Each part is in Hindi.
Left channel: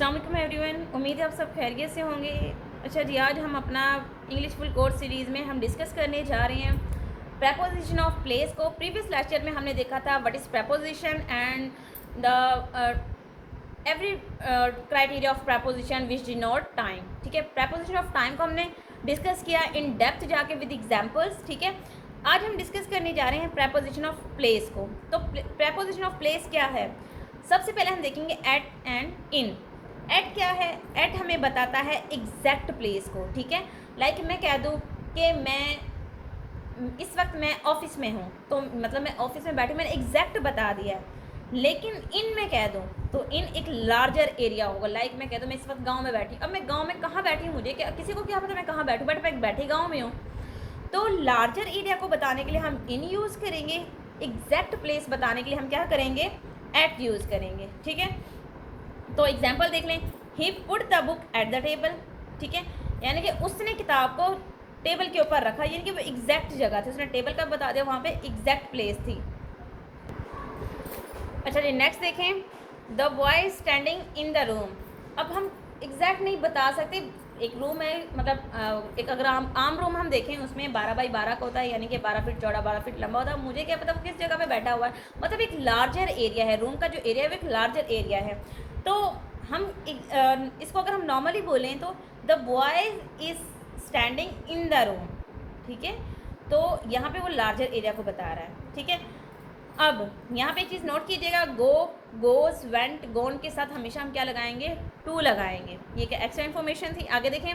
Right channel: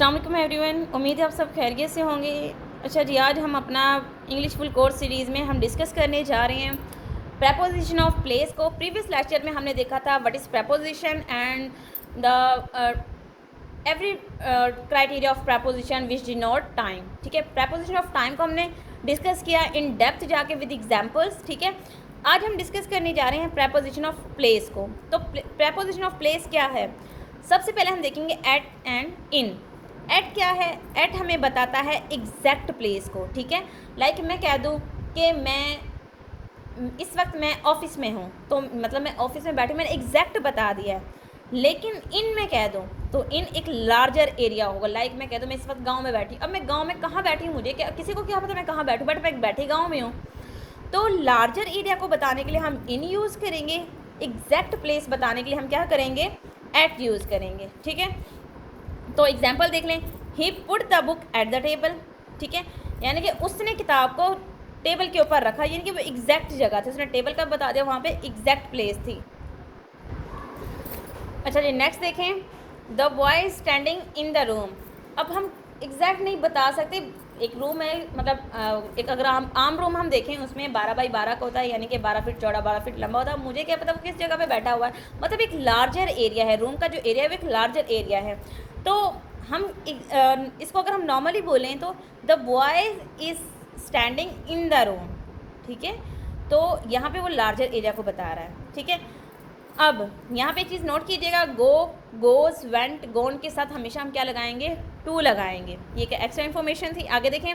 अस्सलाम वालेकुम एवरीवन, उम्मीद है आप सब खैरियत से होंगे। अच्छा जी, आज हम अपना इंग्लिश फुल कोर्स सीरीज़ में हम डिस्कस करने जा रहे हैं प्रेपोजिशन ऑफ प्लेस को। प्रीवियस लेक्चर में हमने देखा था what is preposition and the every criteria of preposition which denote time. ठीक है, प्रेपोजिशन ऑफ टाइम को हमने डिस्कस किया इन डेप्थ जाके विद एग्जांपल्स। ठीक है, आज हम डिस्कस करने जा रहे हैं प्रेपोजिशन ऑफ प्लेस को। तो प्रेपोजिशन ऑफ प्लेस क्या है? सबसे पहले हम देखेंगे एट एंड इन। एट क्या है? एट हमें बताता है एग्जैक्ट प्लेस को। ठीक है, लाइक मैं कह दूँ कि इस वक्त मैं ऑफिस में हूँ, तो मतलब मैं ऑफिस में बैठी, मैंने एग्जैक्ट बता दिया है। लेकिन इन में कह दूँ तो इन एक लार्जर एरिया होगा। लाइक मैं कह दूँ मैं इस वक्त गांव में बैठी, अब मैं गांव में कहाँ बैठी हूँ, मुझे क्या, किसी को क्या पता मैं कहाँ बैठूँ, बट मैं बैठी गांव में हूँ। तो लार्जर एरिया को बताने के लिए हम इन यूज़ करेंगे, एग्जैक्ट प्लेस बताने के लिए हम क्या करेंगे, एट यूज़ करेंगे। ठीक है, तो एग्जाम्पल देख लें, he put the book at the table. ठीक है, यानी कि उसने किताब को टेबल के ऊपर रखा, यानी कि वो एग्जैक्ट जगह थी, उसने टेबल का बता दिया, वहाँ पे एग्जैक्ट प्लेस थी। अच्छा जी, नेक्स्ट देखें, the boy standing in the room. अब हम एग्जैक्ट नहीं बता सकते, एक रूम है, मतलब एक अगर आम रूम हम देखें उसमें 12 बाई 12 का होता है, यानी कि 12 फीट चौड़ा 12 फीट लंबा होता है। मुझे क्या पता वो किस जगह पे बैठा हुआ है, मतलब एक लार्जर एरिया है, रूम का जो एरिया है वो एक लार्जर एरिया है। तो हम इसको अगर हम नॉर्मली बोलें तो the boy is standing in the room. ठीक है, तो यहाँ पे वो लार्जर एरिया को बता रहा है। ठीक है, अब यहाँ पे चीज़ नोट कीजिएगा, गो, गोज, वेंट, गोन के साथ हमेशा हम क्या लगाएंगे, टू लगाएंगे। ये क्या एक्स्ट्रा इन्फॉर्मेशन थी। आगे देखें,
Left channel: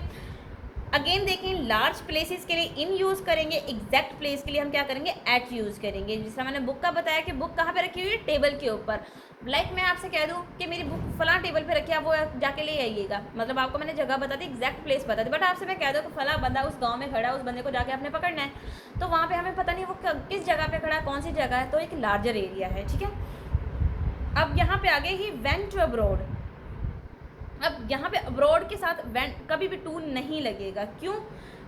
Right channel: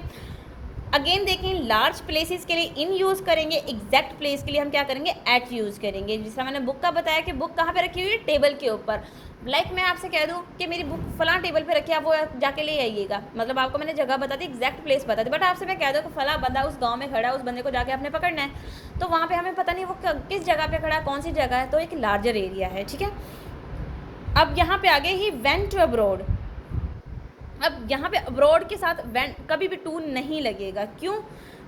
अगेन देखें, लार्ज प्लेसेस के लिए इन यूज़ करेंगे, एग्जैक्ट प्लेस के लिए हम क्या करेंगे, एट यूज़ करेंगे। जिस तरह मैंने बुक का बताया कि बुक कहाँ पे रखी हुई है, टेबल के ऊपर। लाइक मैं आपसे कह दूँ कि मेरी बुक फलां टेबल पे रखी है, आप वो जाके ले आइएगा, मतलब आपको मैंने जगह बता दी, एग्जैक्ट प्लेस बता दी। बट आपसे मैं कह दूँ कि फला बंदा उस गाँव में खड़ा है, उस बंदे को जाके आपने पकड़ना है, तो वहाँ पर हमें पता नहीं वो किस जगह पर खड़ा, कौन सी जगह है, तो एक लार्जर एरिया है। ठीक है, अब यहाँ पे आगे ही वेंट टू अब्रॉड। अब यहाँ पे अब्रॉड के साथ वेंट कभी भी टू नहीं लगेगा। क्यों?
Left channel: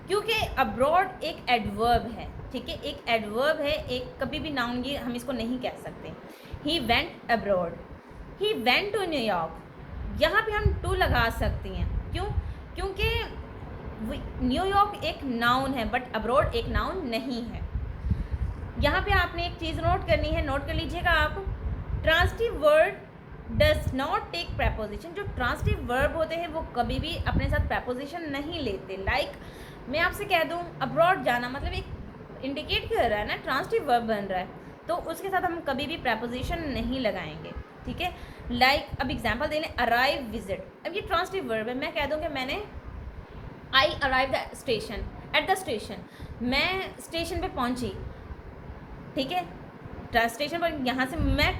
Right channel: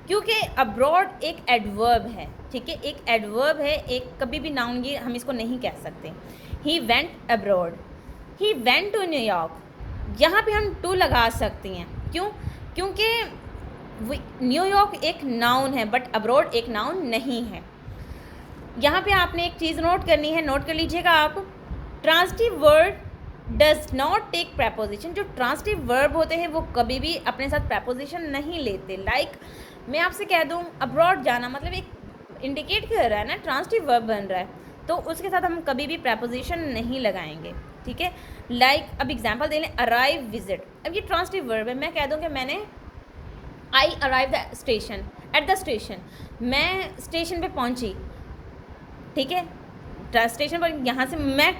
क्योंकि अब्रॉड एक एडवर्ब है। ठीक है, एक एडवर्ब है, एक कभी भी नाउन ये हम इसको नहीं कह सकते। He went abroad, he went to New York, यहाँ पे हम टू लगा सकते हैं। क्यों? क्योंकि न्यूयॉर्क एक नाउन है बट अब्रॉड एक नाउन नहीं है। यहाँ पे आपने एक चीज़ नोट करनी है, नोट कर लीजिएगा आप, transitive word does not take preposition. जो ट्रांसिटिव वर्ब होते हैं वो कभी भी अपने साथ प्रेपोजिशन नहीं लेते। लाइक मैं आपसे कह दूँ अब्रॉड जाना, मतलब एक इंडिकेट कर रहा है ना, ट्रांसिटिव वर्ब बन रहा है, तो उसके साथ हम कभी भी प्रेपोजिशन नहीं लगाएंगे। ठीक है, लाइक अब एग्जांपल दे लें, अराइव, विजिट। अब ये ट्रांसिटिव वर्ब है, मैं कह दूँ कि मैंने आई arrive the station, at the station, मैं स्टेशन पे पहुँची। ठीक है, स्टेशन पर यहाँ से मैं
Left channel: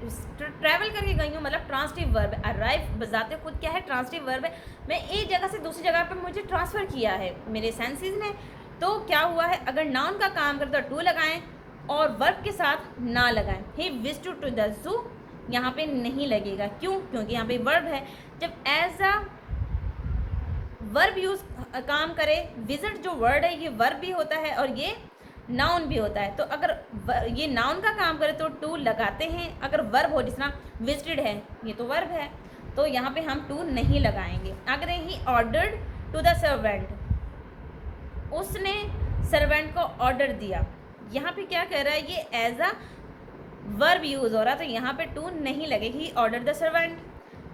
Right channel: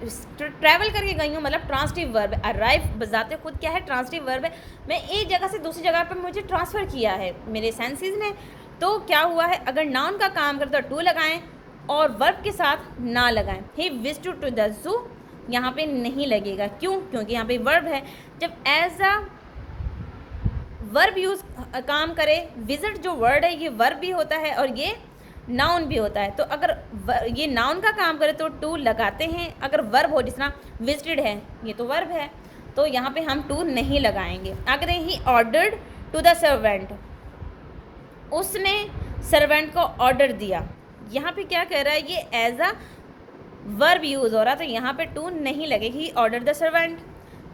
ट्रैवल करके गई हूँ, मतलब ट्रांसिटिव वर्ब है। अराइव बजाते खुद क्या है, ट्रांसिटिव वर्ब है। मैं एक जगह से दूसरी जगह पे मुझे ट्रांसफ़र किया है मेरे सेंसेस ने, तो क्या हुआ है, अगर नाउन का काम करते तो टू लगाएं और वर्ब के साथ ना लगाएं। He visited to the zoo, यहाँ पे नहीं लगेगा। क्यों? क्योंकि यहाँ पे वर्ब है। जब एज अ वर्ब यूज़ काम करे, विजिट जो वर्ड है ये वर्ब भी होता है और ये नाउन भी होता है। तो अगर ये नाउन का काम करे तो टू लगाते हैं, अगर वर्ब हो, जिस तरह विजिटेड है, ये तो वर्ब है, तो यहाँ पे हम टू नहीं लगाएंगे। अगर he ordered to the servant, उसने सर्वेंट को ऑर्डर दिया, यहाँ पे क्या कर रहा है, ये एज अ वर्ब यूज़ हो रहा, तो यहाँ पे टू नहीं लगेगी। He order the servant.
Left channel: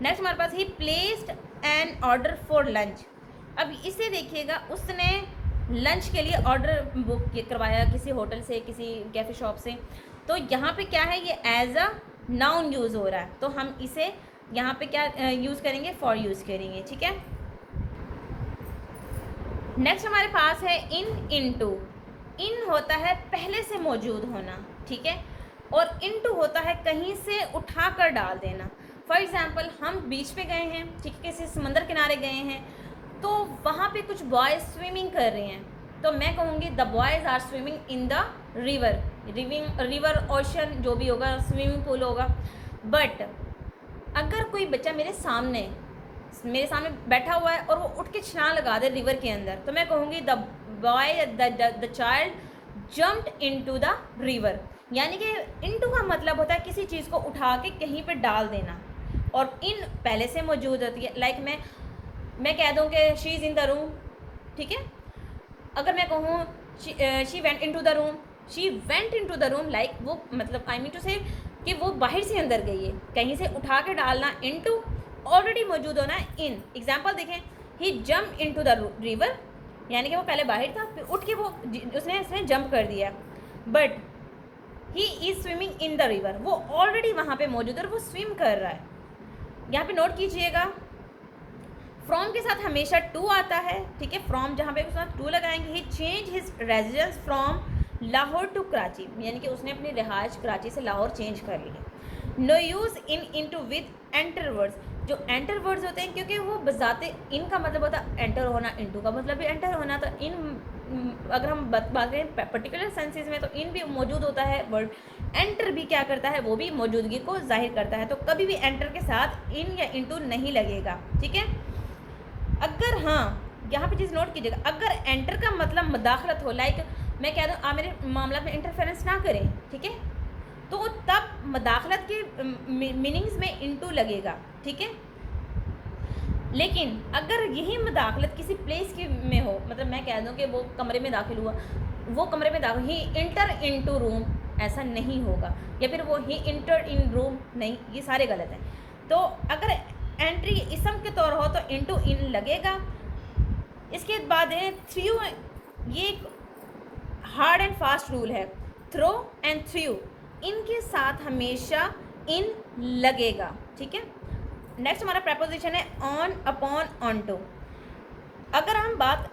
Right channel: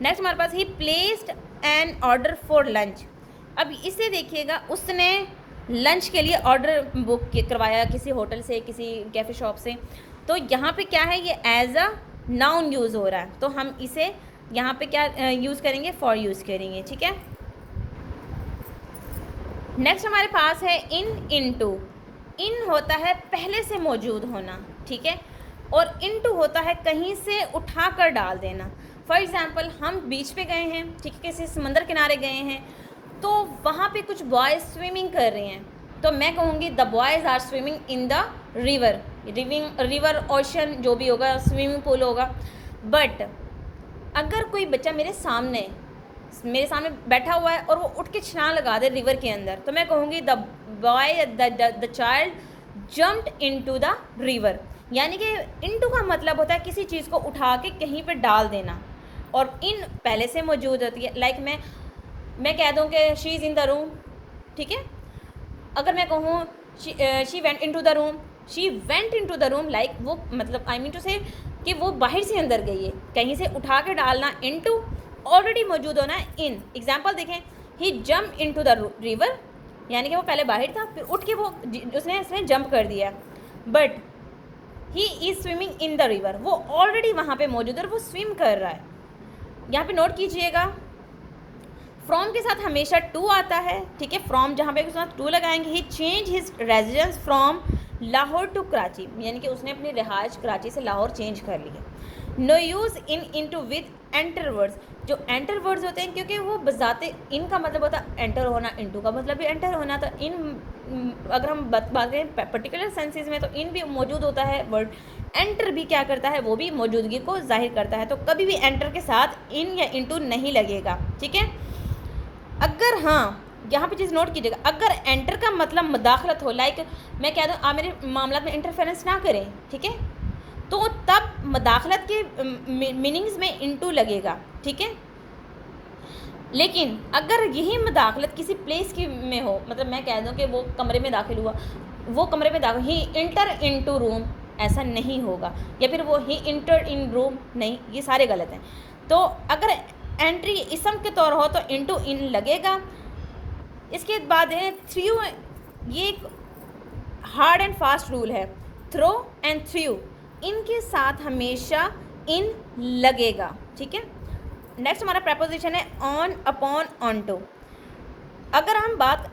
Next हमारे पास he placed an order for lunch. अब इसे देखिएगा, उसने लंच के लिए ऑर्डर बुक करवाया किसी होटल से, किसी कैफ़े शॉप से, तो यहाँ पे क्या है, ये एज अ नाउन यूज़ हो रहा है, तो हम इसे यहाँ पे क्या यूज़ करेंगे, फॉर यूज़ करेंगे। ठीक है, नेक्स्ट हमारे पास है इन, इनटू। इन होता है पहले से मौजूद होना। ठीक है, और इनटू होता है कहीं से उठा कर डाल देना। फॉर एग्ज़ाम्पल हम बीच पे गए हैं, ठीक है, किसी समंदर किनारे गए हैं, तो वहाँ पे कुछ बॉयज़ स्विमिंग कर रहे हैं, तो मैं कहूँगी the boys are swimming in the river. River, ocean, जो भी होगा, स्विमिंग पूल होगा। बट अगर कोई बच्चा मेरे सामने बैठा हुआ है और वो उठ के छलांग लगा दे रिवर के अंदर, तो मैं कहूँगी the boy, the child jumped into the river. यानी कि इनटू का मतलब होता है किसी चीज़ को उठा के कहीं पे डाल देना, और इन पहले से मौजूद होती है। लाइक मैं कह दूँ कि she is in the room, ठीक है। अगर मैं कहूँ she went in to the room, she went in to the room, like वो मतलब आई मीन टू से कि वो बाहर से अंदर गई है। कहीं से उठा के डालना इन टू, ऑलरेडी मौजूद होना इन। एग्जाम्पल देखें, he jump in to the river, यानी कि वो पहले बाहर था, फिर उठ के वो उसने जंप कर दिया। But he is swimming in the river, वो ऑलरेडी वहाँ पे मौजूद है और वो स्विम कर रहा है। यहाँ पे नोट कीजिएगा, फ्रॉम के साथ हमेशा टू आता है, ठीक है। फ्रॉम जहाँ पे उसके साथ टू लगाएंगे। He change his residence from Lahore to Karachi, यानी कि उसने अपनी रिहाइश कराची से लाहौर चेंज कर ली है। No use in to with enter words, जो एंटर वर्ड्स होते हैं, क्योंकि वो बजाते इन का मतलब होता है एंटर होना, इनटू का मतलब भी एंटर होना। तो इन अगर हम बात करें पर्टिकुलर सेंसेस में, तो इन भी मौजूद होता है वर्ड। एंटर भी क्या करता है, वो भी मौजूदगी को जाहिर करता है। तो कभी भी एंटर के साथ इन या इनटू नहीं लगेगा, ठीक है। अगर हाँ, यहाँ पे चीज़ नोट कीजिएगा, अगर एंटर का मतलब मुदाखलत हो, लाइक मैं कह दूँ आप मेरे मामला में इंटरफेरेंस ना करें, ठीक है, तो तब मुदाखलत के मीनिंग्स में इनटू लगेगा, ठीक है। लेकिन अगर यही मुदाखलत किसी प्लेस की में हो, मतलब मैं कह दूँ कि वो कमरे में दाखिल हुआ, वो कमरे में दाखिल, ही इंटर इनटू रूम, ऐसा नहीं होगा। या फिर वो ही इंटर इन रूम, नहीं, ये सारे गलत हैं। तो अगर एंट्री इसम के तौर हो तो इनटू इन लगेगा। इसके बाद है थ्रू, ये एक हार्ड एंड फास्ट रूल है, थ्रो एंड थ्रू, इनके साथ हमेशा इन लगेगा, ठीक है। नेक्स्ट हमारा प्रपोजिशन है ऑन, अपॉन, ऑन टू। अगर हम बात,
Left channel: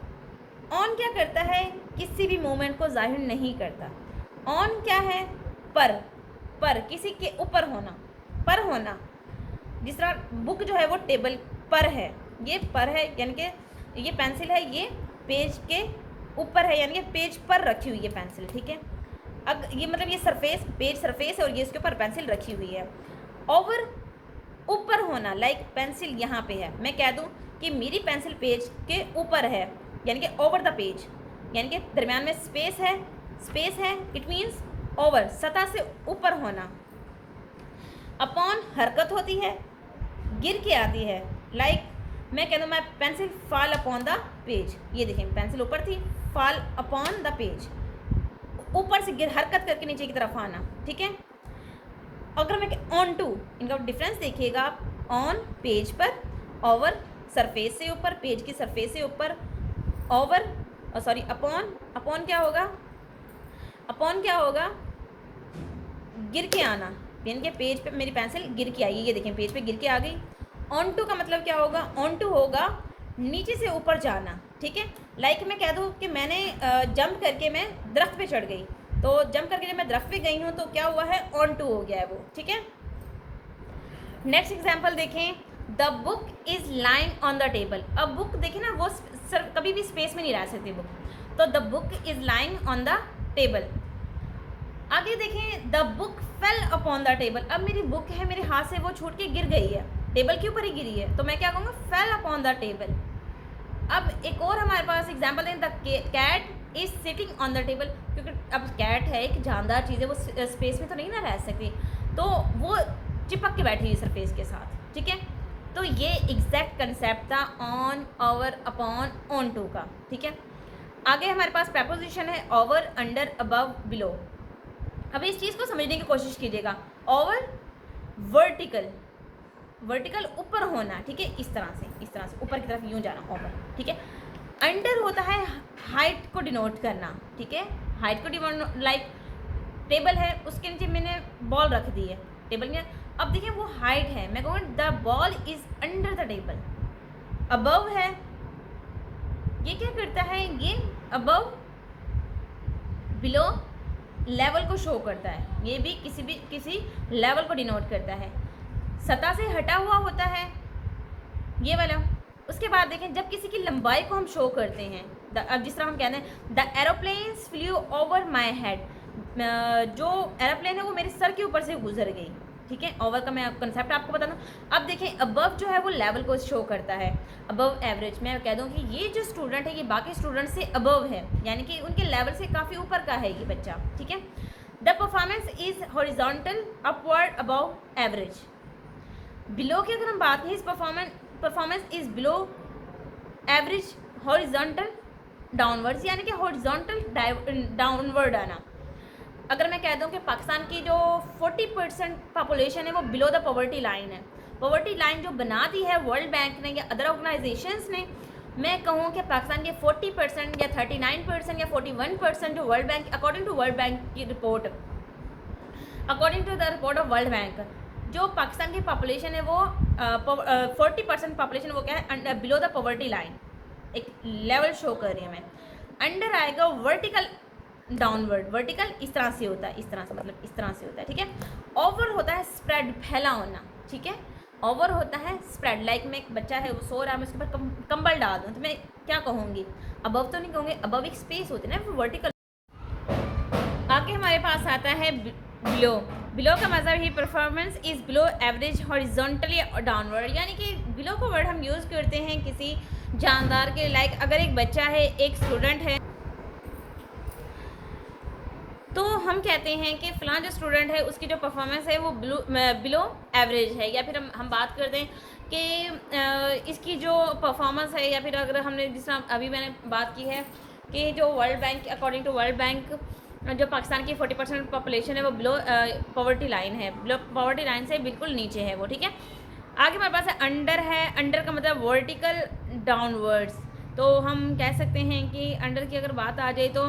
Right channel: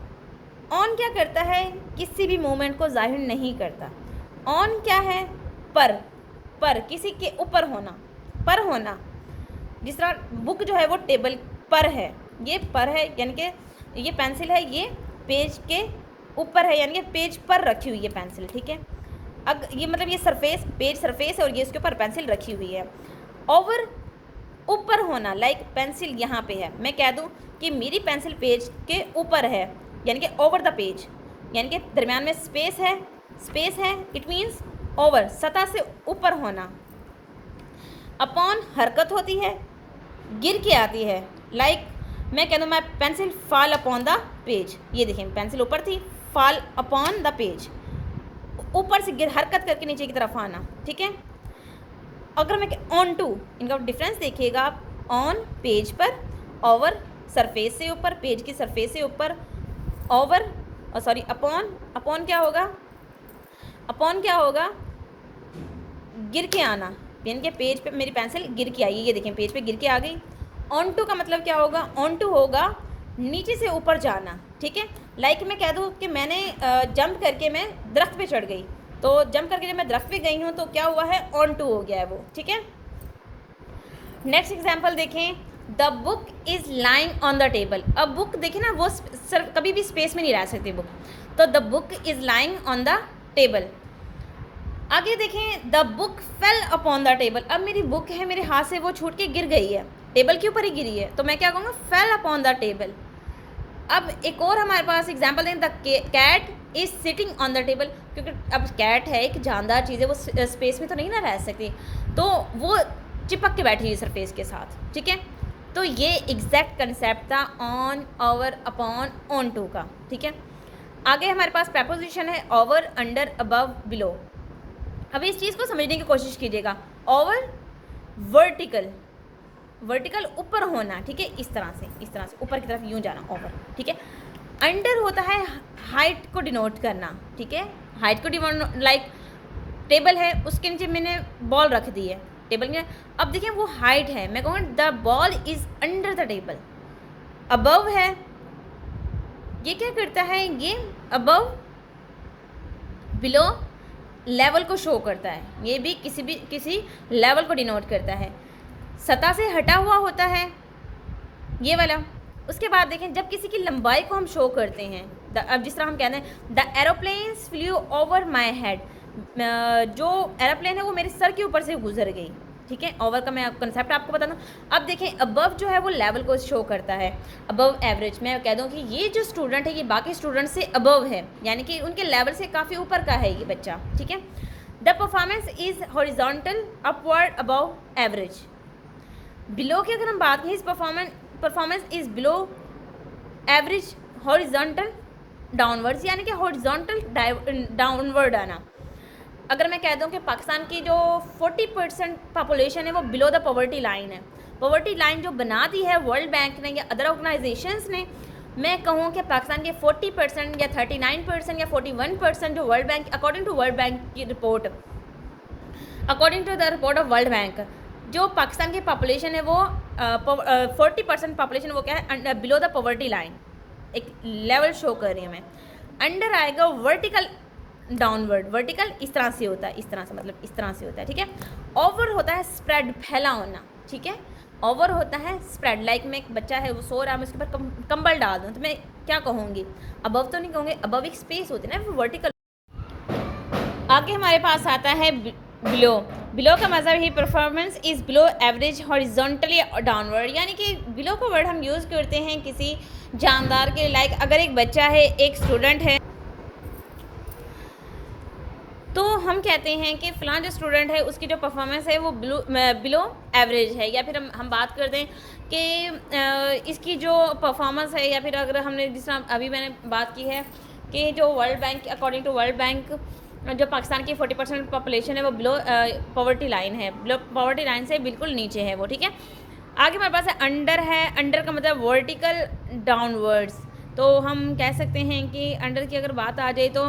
ऑन क्या करता है, किसी भी मोमेंट को जाहिर नहीं करता। ऑन क्या है, पर किसी के ऊपर होना, पर होना। जिस तरह बुक जो है वो टेबल पर है, ये पर है, यानी कि ये पेंसिल है, ये पेज के ऊपर है, यानी कि पेज पर रखी हुई है पेंसिल, ठीक है। अब ये मतलब ये सरफेस, पेज सरफेस है और ये इसके ऊपर पेंसिल रखी हुई है। ओवर, ऊपर होना, लाइक पेंसिल यहाँ पे है, मैं कह दूँ कि मेरी पेंसिल पेज के ऊपर है, यानी कि ओवर द पेज, यानी कि दरमियान में स्पेस है, इट मीन्स ओवर, सतह से ऊपर होना। अपॉन हरकत होती है, गिर के आती है, लाइक मैं कह दूँ मैं pencil fall upon the page, ये देखें पेंसिल ऊपर थी, फॉल अपॉन द पेज, ऊपर से गिर, हरकत करके नीचे की तरफ आना, ठीक है। अगर मैं ऑन टू, इनका डिफरेंस देखिएगा आप, ऑन पेज पर, ओवर सरफेस से ऊपर, पेज की सरफेस से ऊपर, ओवर सॉरी अपॉन क्या होगा, गिर के आना, यानी कि पेज पे मेरी पेंसिल गिर के आई है, ये देखें पेज पे गिर के आ गई। ऑन टू का मतलब क्या होगा, ऑन टू होगा नीचे से ऊपर जाना, ठीक है। लाइक मैं कह दूँ कि मैंने जंप करके मैं दरख्त पे चढ़ गई, तो जंप करके जब मैं दरख्त पे गई हूँ तो क्या हुआ है, ऑन टू हो गया है वो, ठीक है। नेक्स्ट एग्जाम्पल देखें, the book is lying on the table. अब बुक देखें ना, वो सिर्फ कभी भी स्पेस में नहीं रह सकती बुक, तो the book is lying on the table. आगे देखें, the book fail upon the table. अब मेरी बुक है, मेरे हाथ से वो छूट के गिर गई है, टेबल के ऊपर ही गिरी है, तो मैं क्या कहूँगा, फेल अपॉन द टेबल। अब एक और हमारे पास एग्जाम्पल दें, the cat is sitting on the table, क्योंकि अब कैट है एक जानदार चीज़ है, वो स्पेस में तो नहीं ना रह सकती, तो वो चिपक के बैठी हुई सरफेस के साथ, ठीक है। तो ये एग्जैक्ट कंसेप्ट था on, over, upon, on to का, ठीक है। आगे हमारे पास प्रपोजिशन है ओवर, अंडर, अबव, बिलो। अब इस चीज़ को समझने की कोशिश कीजिएगा। ओवर, वर्टिकल ऊपर होना, ठीक है, इस तरह से ऊपर की तरफ यूँ जाना, ओवर, ठीक है। अंडर होता है हाइट को डिनोट करना, ठीक है, हाइट को डिनोट, लाइक टेबल है, उसके नीचे मैंने बॉल रख दी है टेबल में, अब देखिए वो हाइट है, मैं कहूँगा the ball is under the table. Above है, ये क्या करता है, ये अबव, बिलो, लेवल को शो करता है, ये भी किसी लेवल को डिनोट करता है। सतह से हटा हुआ होता है ये वाला। उसके बाद देखें, जब किसी की लंबाई को हम शो करते हैं, अब जिस तरह हम कहते हैं the aeroplanes flu over my head, जो एरोप्लेन है वो मेरे सर के ऊपर से गुजर गई, ठीक है। ओवर का मैं कंसेप्ट आपको बता दूँ। अब देखें, अबव जो है वो लेवल को शो करता है, अबव एवरेज, मैं कह दूँ कि ये जो स्टूडेंट है ये बाकी स्टूडेंट से अबव है, यानी कि उनके लेवल से काफ़ी ऊपर का है ये बच्चा, ठीक है। The performance is horizontal, upward, above average. Below की अगर हम बात करें, performance is below average horizontal downwards, यानी कि हॉरिजॉन्टल डाउनवर्ड आना। अगर मैं कह दूं कि पाकिस्तान की जो 40% पॉपुलेशन है वो बिलो द पॉवर्टी लाइन है, पॉवर्टी लाइन जो बना दी है वर्ल्ड बैंक ने या अदर ऑर्गेनाइजेशंस ने, मैं कहूँ कि पाकिस्तान के 40% या 39% या 41% जो world bank, according to world Bank की report, according to the report of World bank, जो पाकिस्तान की पॉपुलेशन है वो 40% पॉपुलेशन वो क्या है, बिलो द पॉवर्टी लाइन, एक लेवल शो कर रही है मैं। अंडर आएगा वर्टिकल डाउनवर्ड, वर्टिकल इस तरह से होता है, इस तरह से, मतलब इस तरह से होता है, ठीक है। ओवर होता है स्प्रेड, फैला होना, ठीक है। ओवर होता है स्प्रेड, लाइक में एक बच्चा है वो सो रहा है, मैं उसके ऊपर कंबल डाल दूँ तो मैं क्या कहूँगी, अबव तो नहीं कहूँगी, अबव एक स्पेस होती है ना वर्टिकल। आगे हमारे पास आता है बिलो। बिलो का मतलब he performance is below average horizontally downward, यानी कि बिलो का वर्ड हम यूज़ करते हैं किसी जानदार के, लाइक अगर एक बच्चा है, एक स्टूडेंट है, तो हम कहते हैं कि फ़लाँ जो स्टूडेंट है उसकी जो परफॉर्मेंस है वो बिलो एवरेज है। या फिर हम बात कर दें कि इसकी जो परफॉर्मेंस है, या फिर अगर हमने जिस तरह अभी मैंने बात की है कि जो world bank, according to world bank, जो पाकिस्तान की 40% पॉपुलेशन है वो बिलो पॉवर्टी लाइन है, बिलो पॉवर्टी लाइन से बिल्कुल नीचे है वो, ठीक है। आगे हमारे पास है अंडर का मतलब वर्टिकल डाउनवर्ड्स, तो हम कह सकते हैं कि अंडर की अगर बात आ जाए तो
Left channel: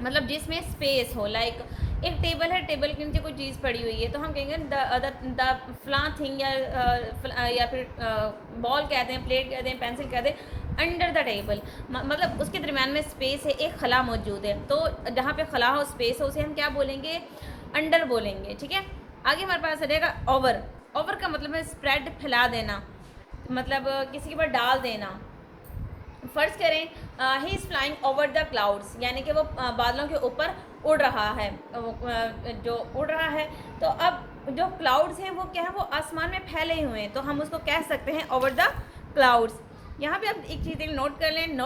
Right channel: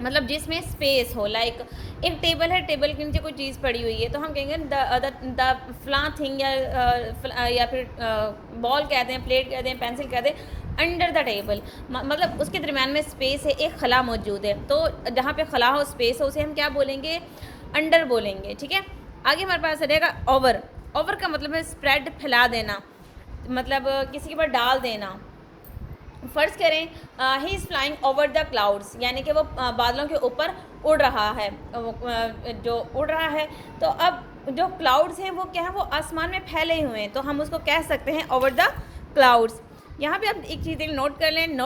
मतलब जिसमें स्पेस हो, लाइक एक टेबल है, टेबल के नीचे कोई चीज़ पड़ी हुई है तो हम कहेंगे द फ्लां थिंग, या फिर बॉल कहते हैं, प्लेट कहते हैं, पेंसिल कहते हैं, अंडर द टेबल, मतलब उसके दरम्यान में स्पेस है, एक खला मौजूद है, तो जहाँ पे खला हो, स्पेस हो, उसे हम क्या बोलेंगे, अंडर बोलेंगे, ठीक है। आगे हमारे पास रहेगा ओवर। ओवर का मतलब है स्प्रेड, फैला देना, मतलब किसी के ऊपर डाल देना। फ़र्ज़ करें he is flying over the clouds, यानी कि वो बादलों के ऊपर उड़ रहा है, जो उड़ रहा है, तो अब जो क्लाउड्स हैं वो क्या है, वो आसमान में फैले हुए हैं, तो हम उसको कह सकते हैं ओवर द क्लाउड्स। यहाँ पे आप एक चीज़ नोट कर लें,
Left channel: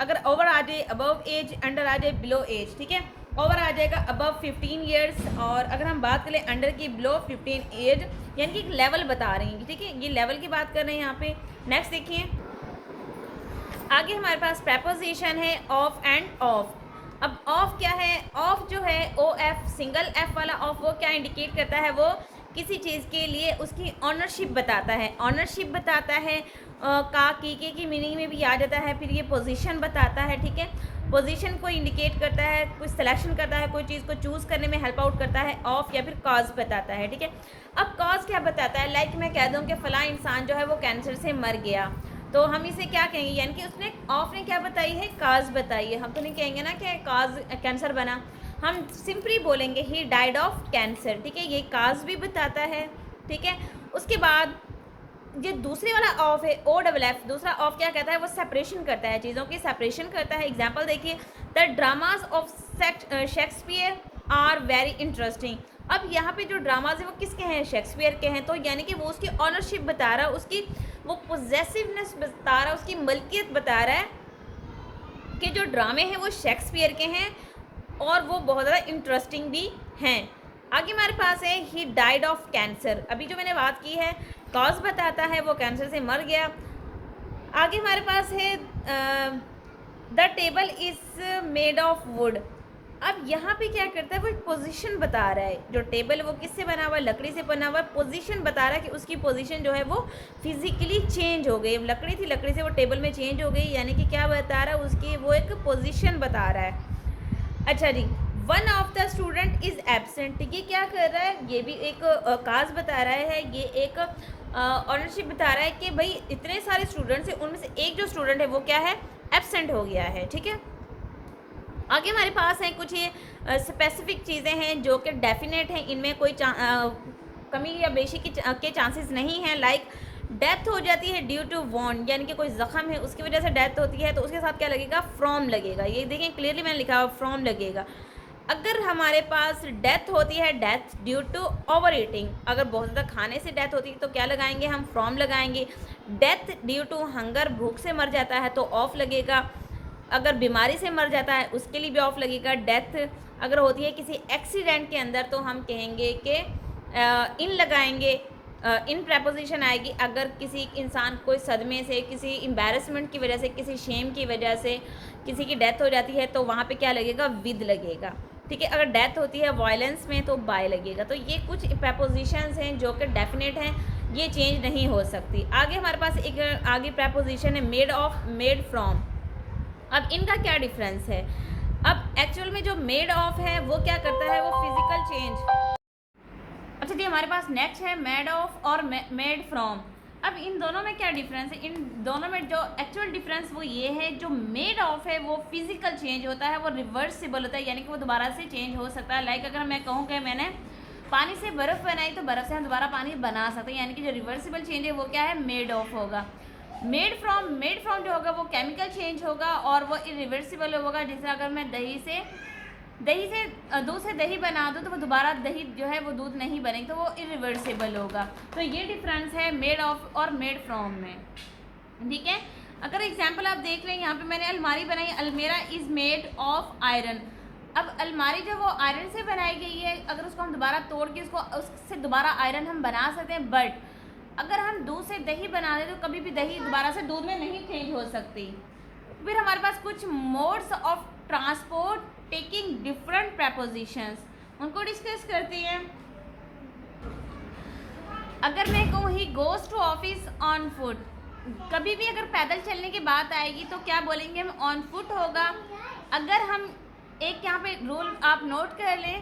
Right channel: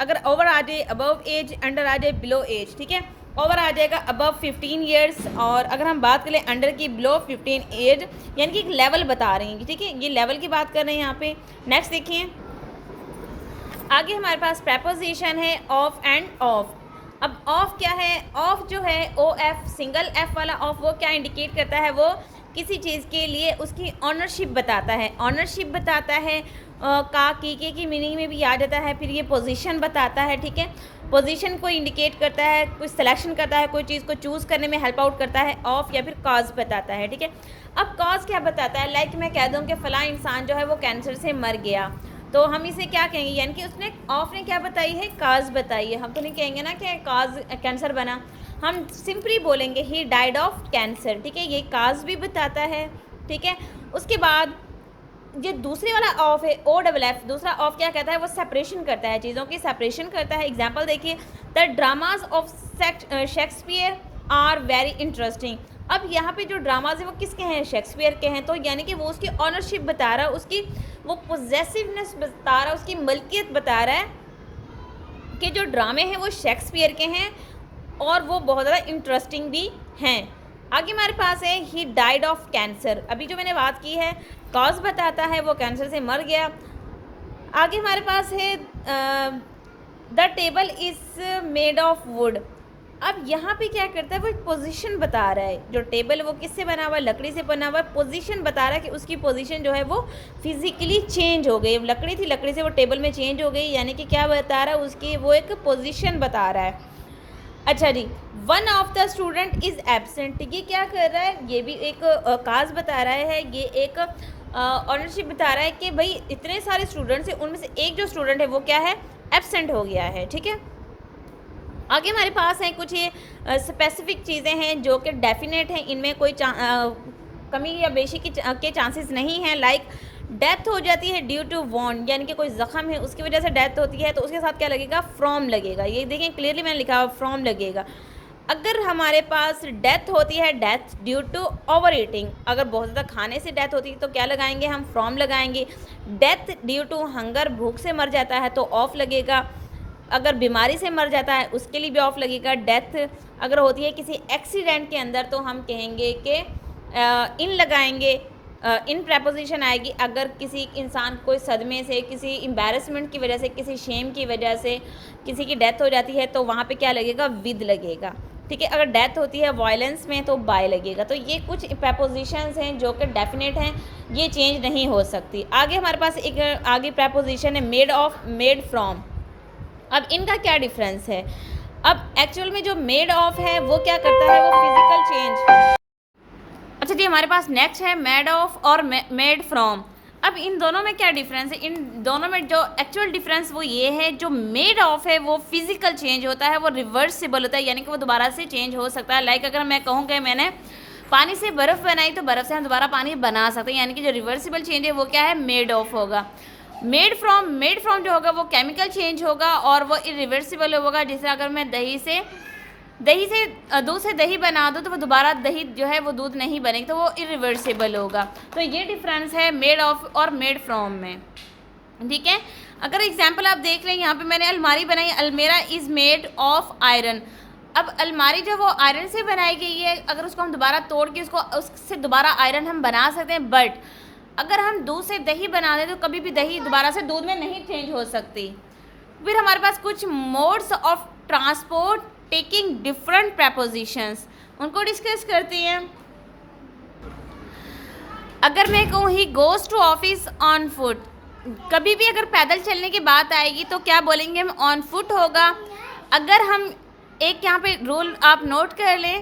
अगर ओवर आ जाए अबव एज, अंडर आ जाए बिलो एज, ठीक है। ओवर आ जाएगा अबव 15 ईयर्स, और अगर हम बात करें अंडर की, बिलो 15 एज, यानी कि एक लेवल बता रही हैं, ठीक है, ये लेवल की बात कर रहे हैं यहाँ पे। नेक्स्ट देखिए, आगे हमारे पास प्रेपोजिशन है ऑफ एंड ऑफ। अब ऑफ क्या है, ऑफ जो है ओ एफ, सिंगल एफ वाला ऑफ, वो क्या इंडिकेट करता है, वो किसी चीज़ के लिए उसकी ऑनरशिप बताता है, ऑनरशिप बताता है, का की मीनिंग में भी आ जाता है। फिर ये पोजीशन बताता है, ठीक है, पोजीशन को इंडिकेट करता है, कोई सिलेक्शन करता है, कोई चीज़ को चूज़ करने में हेल्प आउट करता है ऑफ, या फिर कॉज बताता है, ठीक है। अब कॉज क्या बताता है, लाइक मैं कह दूँ कि फ़लाँ इंसान जो है वो कैंसर से मर गया, तो हम इसे क्या कहेंगे, यानी कि उसने, ऑफ ने क्या बताई है, काज बताई है। हम तो नहीं कहेंगे ना कि काज कैंसर बना, हम सिंपली बोलेंगे ही डाइड ऑफ कैंसर, ठीक है, ये काज भी बताता है, ठीक है। उसके बाद ये दूसरे वाला ऑफ है ओ डबल एफ, दूसरा ऑफ क्या कहता है, वो सेपरेशन करता है, चीज़ों की सेपरेशन करता है। एग्जाम्पल देखिए, the dramas of Shakespeare are very interesting. अब यहाँ पे जो ड्रामाज हैं वो किसके हैं, शेक्सपियर के हैं, तो यानी कि वो उसकी ऑनरशिप बता रहा है, उसकी वो पोजेसिवनेस बता रहा है, उसकी मलकियत बता रहा है कि जो ड्रामे हैं वो शेक्सपियर के हैं और वो बहुत ज़्यादा इंटरेस्टिंग भी हैं। आगे हमारे पास है ही डाइड ऑफ कैंसर, अभी जो मैंने बात की है कॉज बताता है, वो कैंसर से मर गया। आगे हमारे पास है the table is made of would. अब यहाँ पे क्या करता है, वो एक पोजीशन बता रहा है, जो टेबल है वो किससे बना हुआ है, लकड़ी से बना हुआ है, पोजीशन बता रहा है कि उसकी पोजीशन जो है वो फिजिकली चेंज हो गई, लकड़ी थी, लकड़ी से वो टेबल में चेंज हो गई, यानी कि क्या बता रहा है, उसकी वो एक पोजीशन बता रहा है। अच्छा जी, one of the student is absent, ये क्या कर रहा है, ये भी एक काज बता रहा है, ये एक ऑनरशिप बता रहा है कि भाई इतने सारे स्टूडेंट्स हैं, उनमें से एक जो स्टूडेंट है वो क्या है, एबसेंट हो गया है, ठीक है। आगे हमारे पास हैं कुछ ये स्पेसिफिक चीज़ें हैं जो कि डेफिनेट हैं, इनमें कोई कमी या बेशी के चांसेस नहीं हैं। लाइक डेथ हो जाती है ड्यू टू वॉन्ड, यानी कि कोई ज़ख़म है उसकी वजह से डेथ होती है, तो उसके साथ क्या लगेगा, फ्रॉम लगेगा। ये देखें क्लियरली मैंने लिखा हुआ फ्रॉम लगेगा। अगर हमारे पास डेथ होती है, death due to overeating, अगर बहुत ज़्यादा खाने से डेथ होती है तो क्या लगाएंगे, हम फ्रॉम लगाएंगे। डेथ ड्यू टू हंगर, भूख से मर जाता है तो ऑफ लगेगा। अगर बीमारी से मर जाता है उसके लिए भी ऑफ लगेगा। डेथ अगर होती है किसी एक्सीडेंट के अंदर तो हम कहेंगे कि इन लगाएंगे। इन प्रपोजिशन आएगी अगर किसी इंसान कोई सदमे से, किसी एम्बैरसमेंट की वजह से, किसी शेम की वजह से किसी की डेथ हो जाती है तो वहाँ पे क्या लगेगा, विद लगेगा। ठीक है, अगर डेथ होती है वायलेंस में तो बाय लगेगा। तो ये कुछ प्रपोजिशंस हैं जो कि डेफिनेट हैं, ये चेंज नहीं हो सकती। आगे हमारे पास एक आगे प्रपोजिशन है मेड ऑफ, मेड फ्रॉम। अब इनका क्या डिफरेंस है? अब एक्चुअल में जो मेड ऑफ है वो क्या करता है, वो फिजिकल चेंज। अच्छा जी, हमारे पास नेक्स्ट है मेड ऑफ और मेड फ्रॉम। अब इन दोनों में क्या डिफरेंस है? इन दोनों में जो एक्चुअल डिफरेंस वो ये है, जो मेड ऑफ है वो फिजिकल चेंज होता है, वो रिवर्सिबल होता है, यानी कि वो दोबारा से चेंज हो सकता है। लाइक अगर मैं कहूँ कि मैंने पानी से बर्फ़ बनाई तो बर्फ़ से हम दोबारा पानी बना सकते हैं, यानी कि जो रिवर्सिबल चेंज है वो क्या है, मेड ऑफ होगा। मेड फ्रॉम जो होगा वो केमिकल चेंज होगा और वो इरिवर्सिबल होगा। जैसे अगर मैं दही से दूध से दही बना दो तो वो दोबारा दही जो है वो दूध नहीं बनेगी, तो वो इरिवर्सिबल होगा। तो ये डिफरेंस है मेड ऑफ और मेड फ्रॉम में। ठीक है, अगर एग्जांपल आप देख लें, यहाँ पे मैंने अलमारी बनाई, अलमेरा इज़ मेड ऑफ आयरन। अब अलमारी जो वो आयरन से बनाई गई है, अगर उसको हम दोबारा तोड़ के उससे दोबारा आयरन हम बना सकते हैं, बट अगर हम दूध से दही बना दें तो कभी भी दही दोबारा से दूध में नहीं चेंज हो सकती। फिर हमारे पास कुछ modes of transport taking different prepositions, उनको डिस्कस करते हैं। अगर मैं कहूँ he goes to office on foot, कभी भी अगर पैदल चलने की बात आएगी तो क्या बोलेंगे हम, ऑन फुट होगा। अगर हम एक यहाँ पे रूल आप नोट कर लें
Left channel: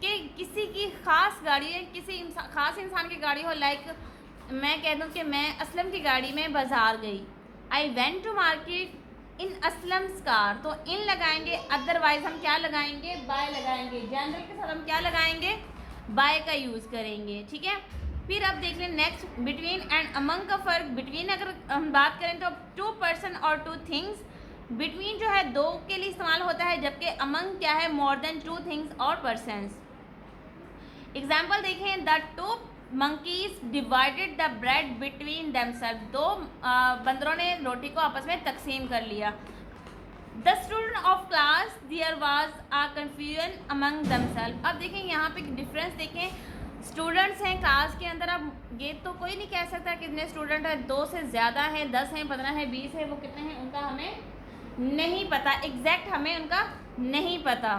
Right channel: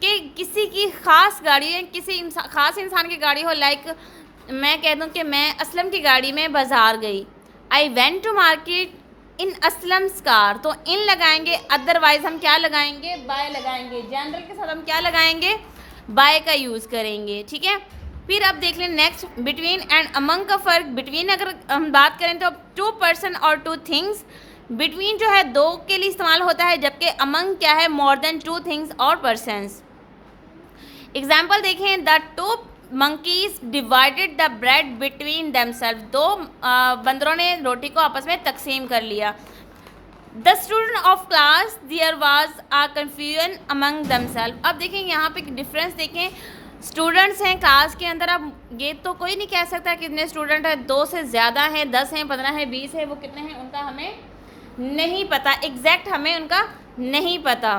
कि किसी की ख़ास गाड़ी है, किसी ख़ास इंसान की गाड़ी हो, लाइक मैं कह दूँ कि मैं असलम की गाड़ी में बाज़ार गई, I went to market in Aslam's car, तो इन लगाएंगे, अदरवाइज हम क्या लगाएंगे, बाय लगाएंगे। जनरल के साथ हम क्या लगाएंगे, बाय का यूज़ करेंगे। ठीक है, फिर अब देख लें नेक्स्ट, बिटवीन एंड अमंग का फ़र्क। बिटवीन अगर हम बात करें तो टू पर्सन और टू थिंग्स, बिटवीन जो है दो के लिए इस्तेमाल होता है, जबकि अमंग क्या है, मोर देन टू थिंग्स और पर्सन्स। एग्जाम्पल देखें, the two monkeys divided the bread between themself, दो बंदरों ने रोटी को आपस में तकसीम कर लिया। The student of class there was a confusion among themself. अब देखें यहाँ पे डिफरेंस देखें, स्टूडेंट्स हैं क्लास के अंदर, अब ये तो कोई नहीं कह सकता कितने स्टूडेंट हैं, 2 से ज़्यादा हैं, 10 हैं, 15 हैं, 20 है, वो कितने हैं उनका हमें नहीं पता, एग्जैक्ट हमें उनका नहीं पता।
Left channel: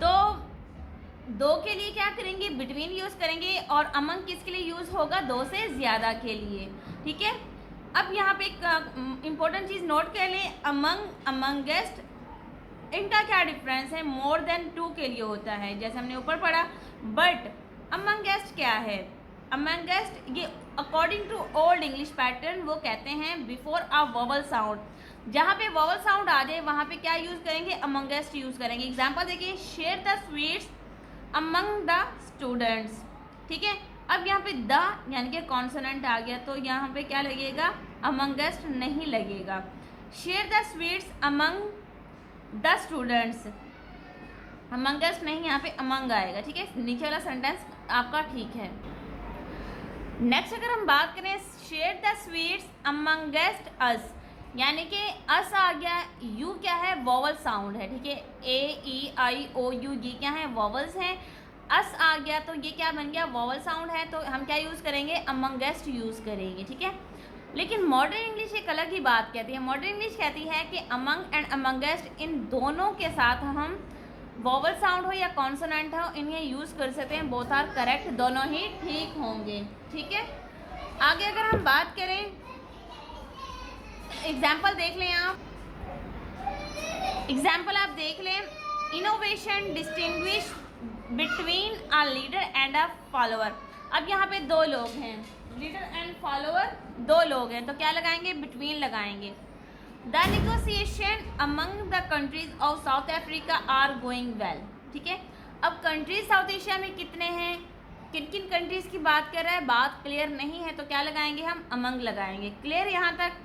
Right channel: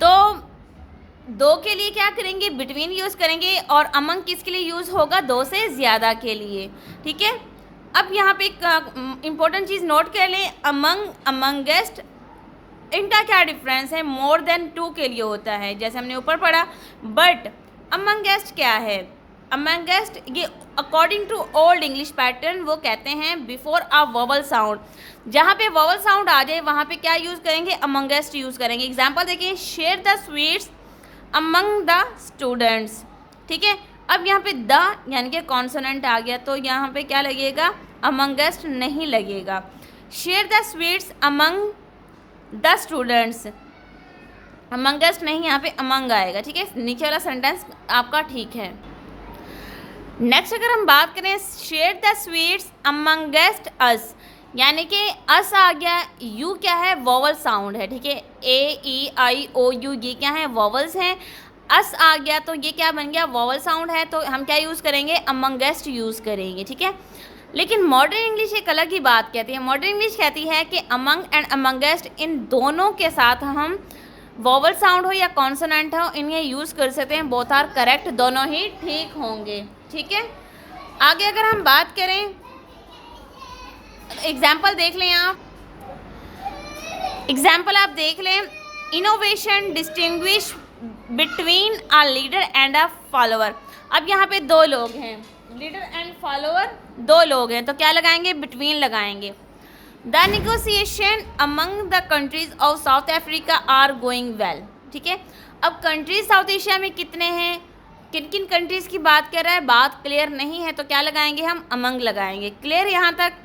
तो दो के लिए क्या करेंगे, बिटवीन यूज़ करेंगे, और अमंग किसके लिए यूज़ होगा, 2 से ज़्यादा के लिए। ठीक है, अब यहाँ पे एक इम्पोर्टेंट चीज़ नोट कर लें, अमंगेस्ट, इनका क्या डिफरेंस है, मोर देन 2 के लिए होता है, जैसे हमने ऊपर पढ़ा। बट अमंगेस्ट क्या है, अमंगेस्ट ये according to old English pattern वो कहते हैं बिफोर अ वोवल साउंड, जहाँ पे वोवल साउंड आ जाए वहाँ पे क्या यूज़ करेंगे, अमंगेस्ट यूज़ करेंगे। एग्जाम्पल देखिए, share the sweets among the students. ठीक है, अब यहाँ पे द यानी कि कॉन्सोनेंट आ गया, तो यहाँ पे क्या लगेगा, अमंगेस्ट नहीं लगेगा। Share the sweets among the students, amongst नहीं, यहाँ पे अमंग आएगा। ठीक है, नीचे वाला सेंटेंस आपका ठीक है। नेक्स्ट अगर हम बात करें, शेयर द स्वीट्स अमंगेस्ट अस, यानी कि अस आ गया, यू क्या है, वोवल साउंड है। ठीक है, ए ई आई ओ यू ये क्या है, वोवल्स हैं। अस आ गया तो ये क्या बन गया, वोवल साउंड है, तो हम क्या यूज़ करेंगे, अमंगेस्ट यूज़ करेंगे। ठीक है, लेकिन मॉडर्न इंग्लिश एक अलग ही बात कहती है। मॉडर्न इंग्लिश कहती है कि अमंग एंड अमंगेस्ट, इन दोनों के साथ हम वोवल साउंड हो या कॉन्सोनेंट हो, इन्हें यूज़ कर सकते हैं, बोथ आर करेक्ट, दोनों ही ठीक होंगे। ठीक है, आगे अगर हम बात करें, एग्जाम्पल देख लें आप, एग्जाम्पल आप देख लें, innovation distinguish between a leader and a follower. अब यहाँ पे 2 लोग हैं, लीडर एंड फॉलोअर 2 लोग हैं, तो क्या लगाएंगे, बिटवीन लगाएंगे। The negotiation among the countries of South Africa are going well. ठीक है, अब कंट्रीज साउथ एशिया में कितने हैं, किन किन कंट्रीज़ की बात कर रहा है, बात क्लियर नहीं है, तो क्या लगाएंगे हम, अमंग लगाएंगे। क्लियर यहाँ तक।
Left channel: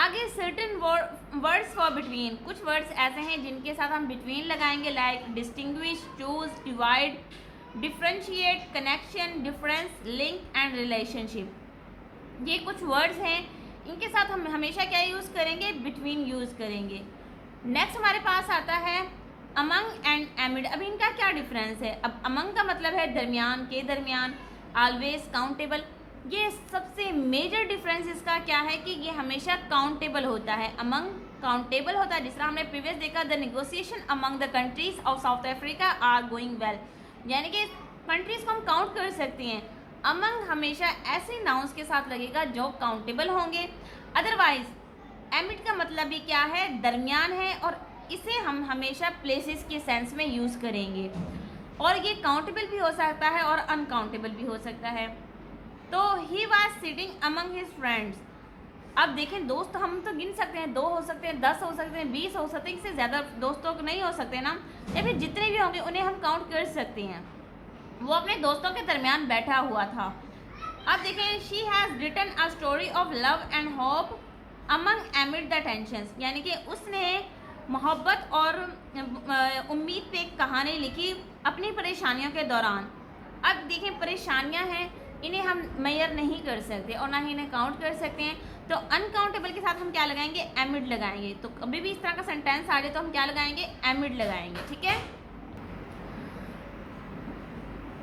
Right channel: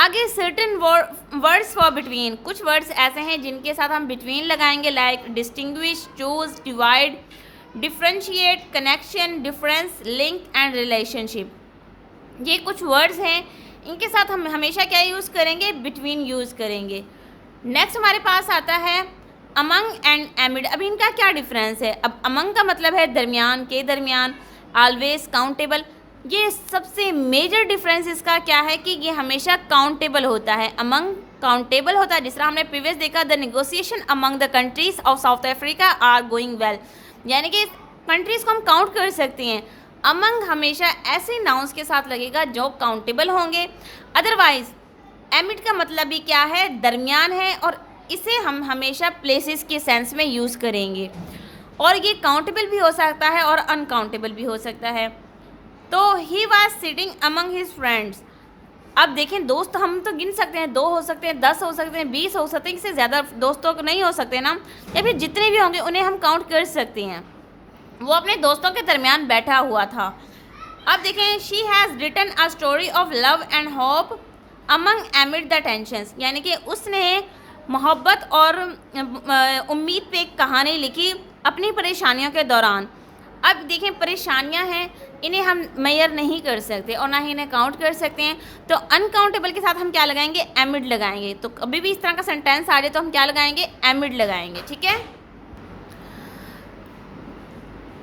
आगे सर्टेन वर्ड्स फॉर बिटवीन, कुछ वर्ड्स ऐसे हैं जिनके साथ हम बिटवीन लगाएंगे, like distinguish, choose, divide, differentiate, connection, difference, link and relationship. ये कुछ वर्ड्स हैं, इनके साथ हम हमेशा क्या यूज़ करेंगे, बिटवीन यूज़ करेंगे। नेक्स्ट हमारे पास आता है अमंग एंड एमिड। अब इनका क्या डिफरेंस है, अब अमंग का मतलब है दरमियान, के दरमियान, ऑलवेज काउंटेबल। ये सबसे मेजर डिफरेंस इसका क्या है कि ये हमेशा काउंटेबल होता है, अमंग काउंटेबल होता है। जिस तरह हमने प्रीवियस देखा, the negotiation among the countries of South Africa are going well, यानी कि कंट्रीज को हम काउंट कर सकते हैं। अमंग हमेशा ऐसे नाउंस के साथ लगेगा जो काउंटेबल होंगे। अदरवाइज एमिड का मतलब भी क्या है, दरमियान है, और इसे हम हमेशा प्लेसेस के सेंस में यूज़ करेंगे, और ये काउंटेबल भी हो सकता है और अनकाउंटेबल भी हो सकता है। तो he was sitting among his friends. अब देखें, दोस्त हम तो गिन सकते हैं, 2 हो सकते हैं, 10 हो सकते हैं, 20 हो सकते हैं, इससे ज़्यादा दोस्तों को नहीं हो सकते ना, या फिर जितने भी होंगे उन्हें हम काउंट कर सकते हैं। वो अपने दोस्तों के दरमियान बैठा हुआ था। अब देखें, she has written a story of love and hope among amid the tensions, यानी कि उसने मोहब्बत और उम्मीद पे एक कहानी लिखी अपनी परेशानियों के दौरान। अब देखें, परेशानियां हैं, इन्हें हम मेजर नहीं कर सकते और ना ही इन्हें काउंट कर सकते हैं, तो अनकाउंटेबल के साथ हम क्या लगाएंगे, एमिड लगाएंगे। तो कभी भी इस तरह का सेंटेंस आ जाए तो हम क्या लगाएंगे, एमिड लगाएंगे। ठीक है,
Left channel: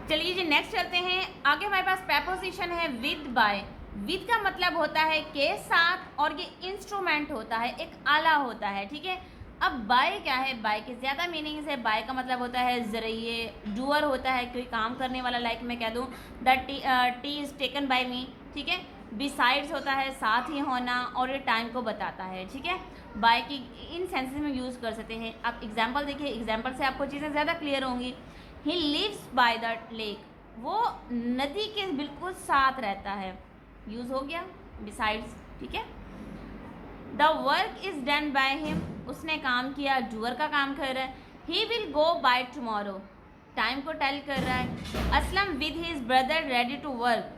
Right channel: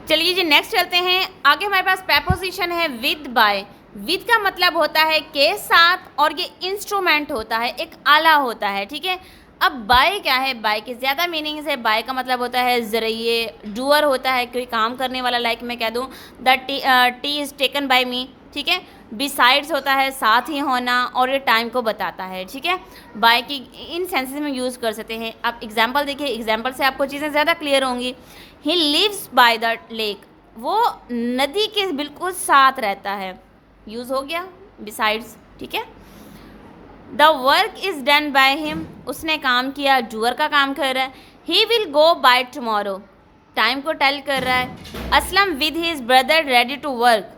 चलिए जी नेक्स्ट चलते हैं। आगे हमारे पास प्रेपोजिशन है विद बाय। विद का मतलब होता है के साथ, और ये इंस्ट्रूमेंट होता है, एक आला होता है। ठीक है, अब बाय क्या है, बाय के ज़्यादा मीनिंग्स है। बाय का मतलब होता है ज़रिए, डूअर होता है कोई काम करने वाला, लाइक मैं कह दूँ the tea is taken by me. ठीक है, बिसाइड्स होता है साथ ही होना, और ये टाइम को बताता है। ठीक है, बाय की इन सेंसेस में यूज़ कर सकते हैं। आप एग्जाम्पल देखिए, एग्जाम्पल से आपको चीज़ें ज़्यादा क्लियर होंगी। He lives by the lake, वो नदी के बिल्कुल साथ रहता है, यूज़ हो गया बिसाइड्स। ठीक है, the work is done by him, उसने काम किया, डूअर का काम कर रहा है। He will go by tomorrow, time को टेल कर रहा है। Aslam with his brother ready to work,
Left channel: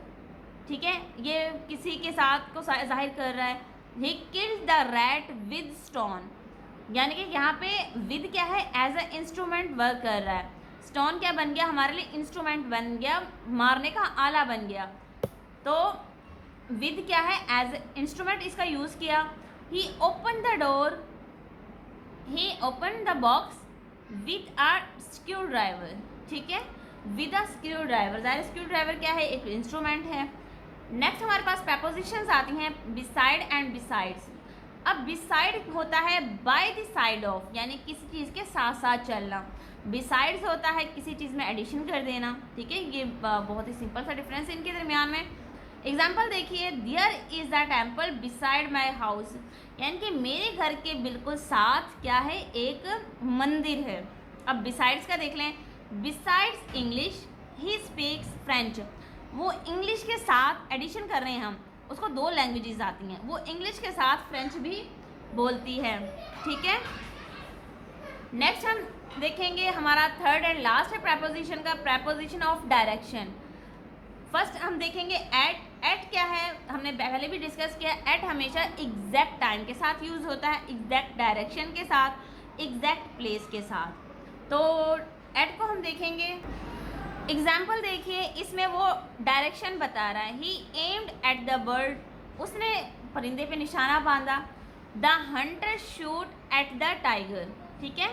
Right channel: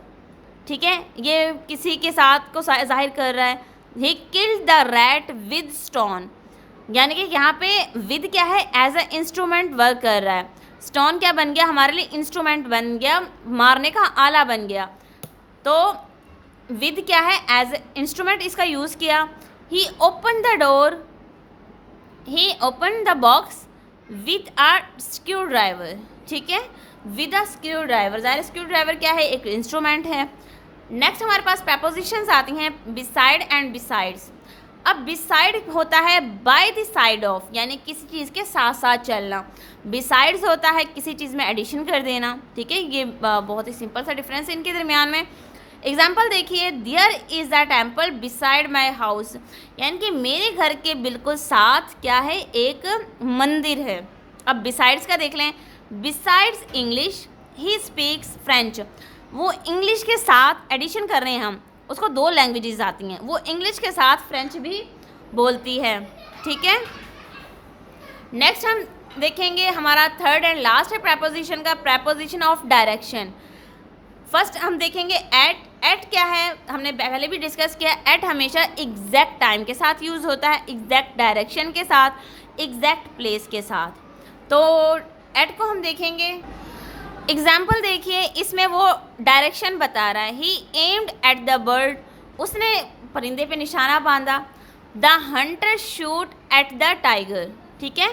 ठीक है, ये किसी के साथ को जाहिर कर रहा है। He killed the rat with stone, यानी कि यहाँ पे विद क्या है, एज अ इंस्ट्रूमेंट वर्क कर रहा है। स्टोन क्या बन गया, हमारे लिए इंस्ट्रूमेंट बन गया, मारने का आला बन गया। तो विद क्या है, एज इंस्ट्रूमेंट इसका यूज़ किया। He open the door, he open the box with a screwdriver. ठीक है, विद अ स्क्रू ड्राइवर, ज़ाहिर स्क्रू ड्राइवर क्या है, एक इंस्ट्रूमेंट है। नेक्स्ट हमारे पास प्रपोजिशंस आती हैं बिसाइड एंड बिसाइड्स। अब बिसाइड होता है बाय द साइड ऑफ, यानी किसी चीज़ के साथ साथ चलना। बिसाइड्स होता है किसी चीज़ में एडिशन कर देना। ठीक है, ये बहुत ही सिंपल सा डिफरेंस है इनके दरमियान में। एग्जाम्पल देखिए, there is a temple beside my house, यानी कि मेरे घर के बिल्कुल साथ क्या है, एक मंदिर है। अब बिसाइड्स का देख लें, besides English he speaks French, वो इंग्लिश के साथ एडिशन कर रहे हैं हम, उसको 2 लैंग्वेजेस आती हैं, वो इंग्लिश के साथ फ्रेंच भी बोलती है। ठीक है, नेक्स्ट हम देखेंगे, हमारा थर्ड एंड लास्ट है प्रपोजिशन का, प्रपोजिशन ऑफ डायरेक्शन। फर्स्ट हम देखेंगे एट। एट क्या है, हमने पहले भी डिस्कस किया, एट हमेशा एग्जैक्ट टाइम के साथ यूज़ होता है, एग्जैक्ट डायरेक्शन के साथ, एग्जैक्ट प्लेस के साथ। तो एट को हम देखेंगे, एग्जाम्पल देखिए, इसमें वो डायरेक्शन बता रहा है। ही एम्ड एट द बर्ड, उसने परिंदे पे निशाना बांधा। The Hunter shoot at the tiger. ठीक है,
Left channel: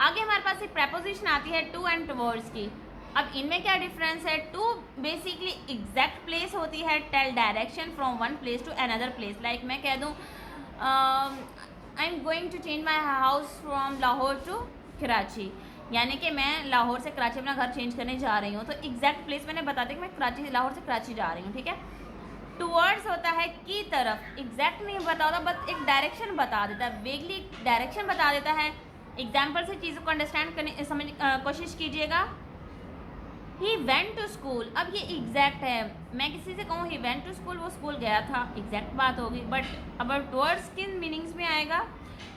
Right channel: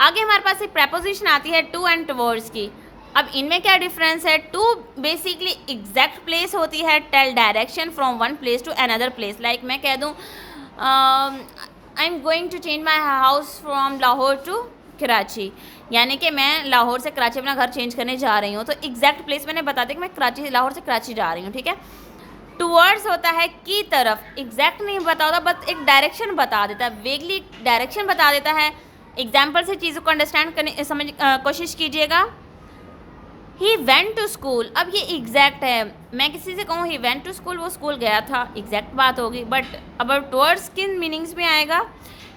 आगे हमारे पास एक प्रपोजिशन आती है टू एंड टुवर्ड्स की। अब इनमें क्या डिफरेंस है, टू बेसिकली एग्जैक्ट प्लेस होती है, tell direction from one place to another place. Like मैं कह दूँ I am going to change my house from Lahore to Karachi, यानी कि मैं लाहौर से कराची अपना घर चेंज करने जा रही हूँ। तो एग्जैक्ट प्लेस मैंने बता दिया कि मैं कराची, लाहौर से कराची जा रही हूँ। ठीक है, टूवर्ड्स होता है की तरफ, एग्जैक्ट नहीं बता होता, बस एक डायरेक्शन बता देता है, वेगली डायरेक्शन बता देता है। एग्जाम्पल से चीज़ों को अंडरस्टैंड करने समझ कोशिश कीजिएगा। ही वेंट टू स्कूल, अब ये एग्जैक्ट है, मैं किसी से कहूँ ही वेंट टू स्कूल, वो स्कूल गया था, एग्जैक्ट बात होगी। बट अब टुवर्ड्स किन मीनिंग्स में आएगा,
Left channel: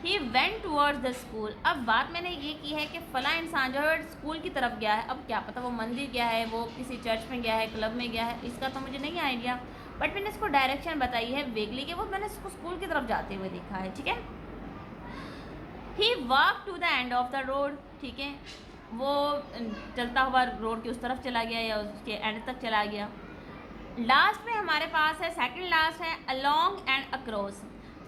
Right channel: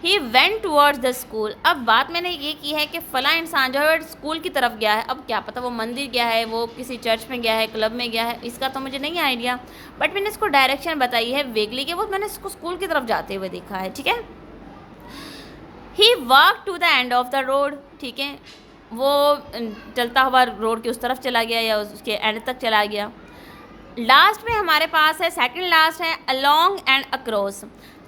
he went towards the school. अब बात मैंने ये की है कि फला इंसान जो है स्कूल की तरफ गया है, अब क्या पता वो मंदिर गया है, वो किसी चर्च में गया है, क्लब में गया है, इसका तो मुझे नहीं आइडिया, बट मैंने इसको डायरेक्शन बताई है वेगली कि वो मैंने इसको स्कूल की तरफ जाते हुए देखा है। ठीक है, he walk to the end of the road. ठीक है, वो चलता हुआ रोड के उस तरफ चला गया या उसके एंड तक चला गया। लास्ट में हमारे पास है, सेकंड लास्ट है अलोंग एंड अक्रॉस।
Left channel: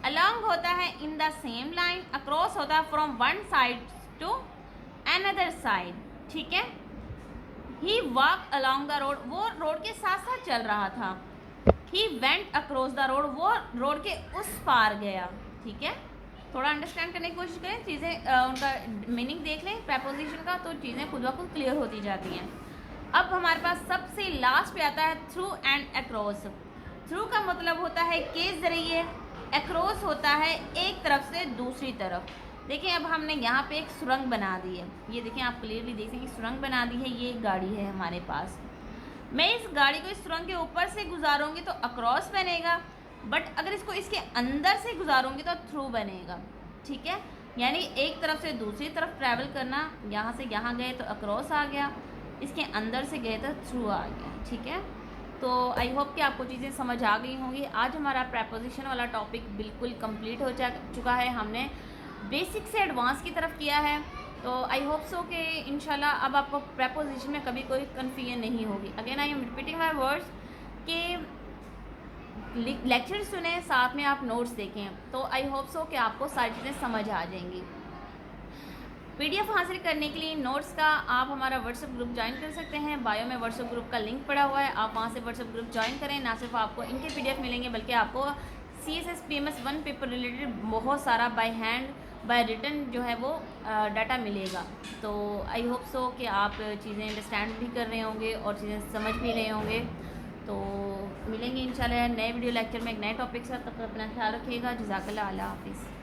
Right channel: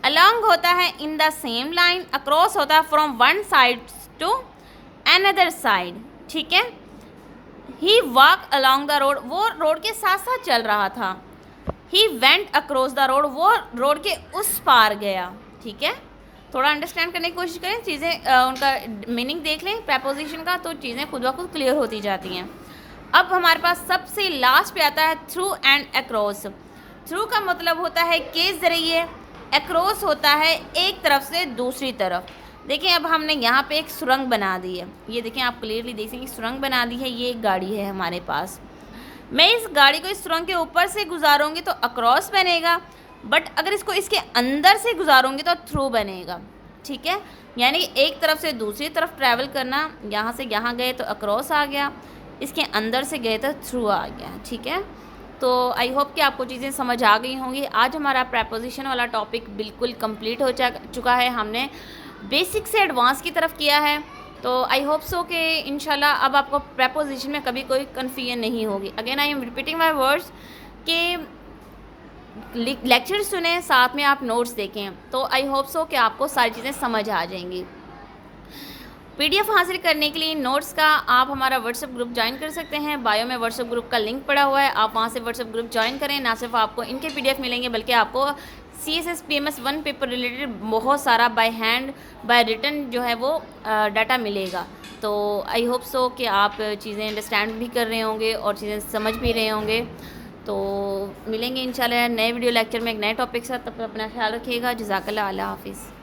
अलोंग होता है in the same line, across होता है from one side to another side. ठीक है, he walk along the road, वो रोड के साथ साथ चल रहा था। He went across the road, वो रोड के उस पार गया। ठीक है, थोड़ा अंडरस्टैंड करने की कोशिश करें, चीज़ें उनका मीनिंग देख लें प्रेपोजिशन का, तो चीज़ें खुद ब खुद क्लियर होती जाती हैं। अब हमारे पास सबसे लास्ट पे आता है थ्रू एंड अक्रॉस। थ्रू का मतलब होता है के ज़रिए, अक्रॉस होता है एक तरफ से दूसरी तरफ। देखिए अब हमने यहाँ पे एक सुरंग बना दी है, ये देखिए आप क्लियरली देख सकते हैं सुरंग बना दी है, ये एक गाड़ी है हमारे पास। मैं इस गाड़ी को इस सुरंग के ऊपर से गुजारूंगी तो अक्रॉस बनेगा, बट अगर इसको इसके अंदर से गुजारूंगी तो थ्रू बनेगा। ठीक है, यानी एक तरफ से दूसरी तरफ ट्रैवल करना, यहाँ से यहाँ गए तो अक्रॉस आ गया, इसके अंदर से गए तो थ्रू आ गया। ठीक है, तो आई होप कि आपको चीज़ें समझ आ गई होंगी। आज हमारा प्रेपोजिशन वाला टॉपिक बिल्कुल कंप्लीट हो चुका है, हमने बेसिक से एडवांस की तरफ किया है। तो आई होप सो कि इंशाल्लाह अब आपको प्रेपोजिशन में कभी कोई कन्फ्यूजन नहीं होगी। Again I am repeating my words कि लेक्चर सुने, साथ में आप नोट्स देखें, तो आई होप सो कि आपको सारी चीज़ें समझ आ जाएंगी। पीडीएफ हासिल करने के लिए नोट्स का आप हमारा व्हाट्सएप ग्रुप ज्वाइन कर सकते हैं, बायो में व्हाट्सएप ग्रुप का लिंक पड़ा हुआ है, आप वहाँ से व्हाट्सएप ग्रुप ज्वाइन करें। ना सिर्फ आपको इनके पीडीएफ मिलेंगे बल्कि आपको CSS PMS 1 पेपर रिलेटेड बहुत सारा बाय हैंड बाय रिटन जो है वो डाटा मिलेगा। तो आई होप सो कि आप चीज़ें अंडरस्टैंड भी कर रहे होंगे और चीज़ें समझ भी रहे होंगे। तो मिलेंगे इंशाल्लाह नए वीडियो लेक्चर में एक नए टॉपिक के साथ। तब तक अपना ख्याल रखिएगा। जज़ाकल्लाह, अल्लाह हाफिज़।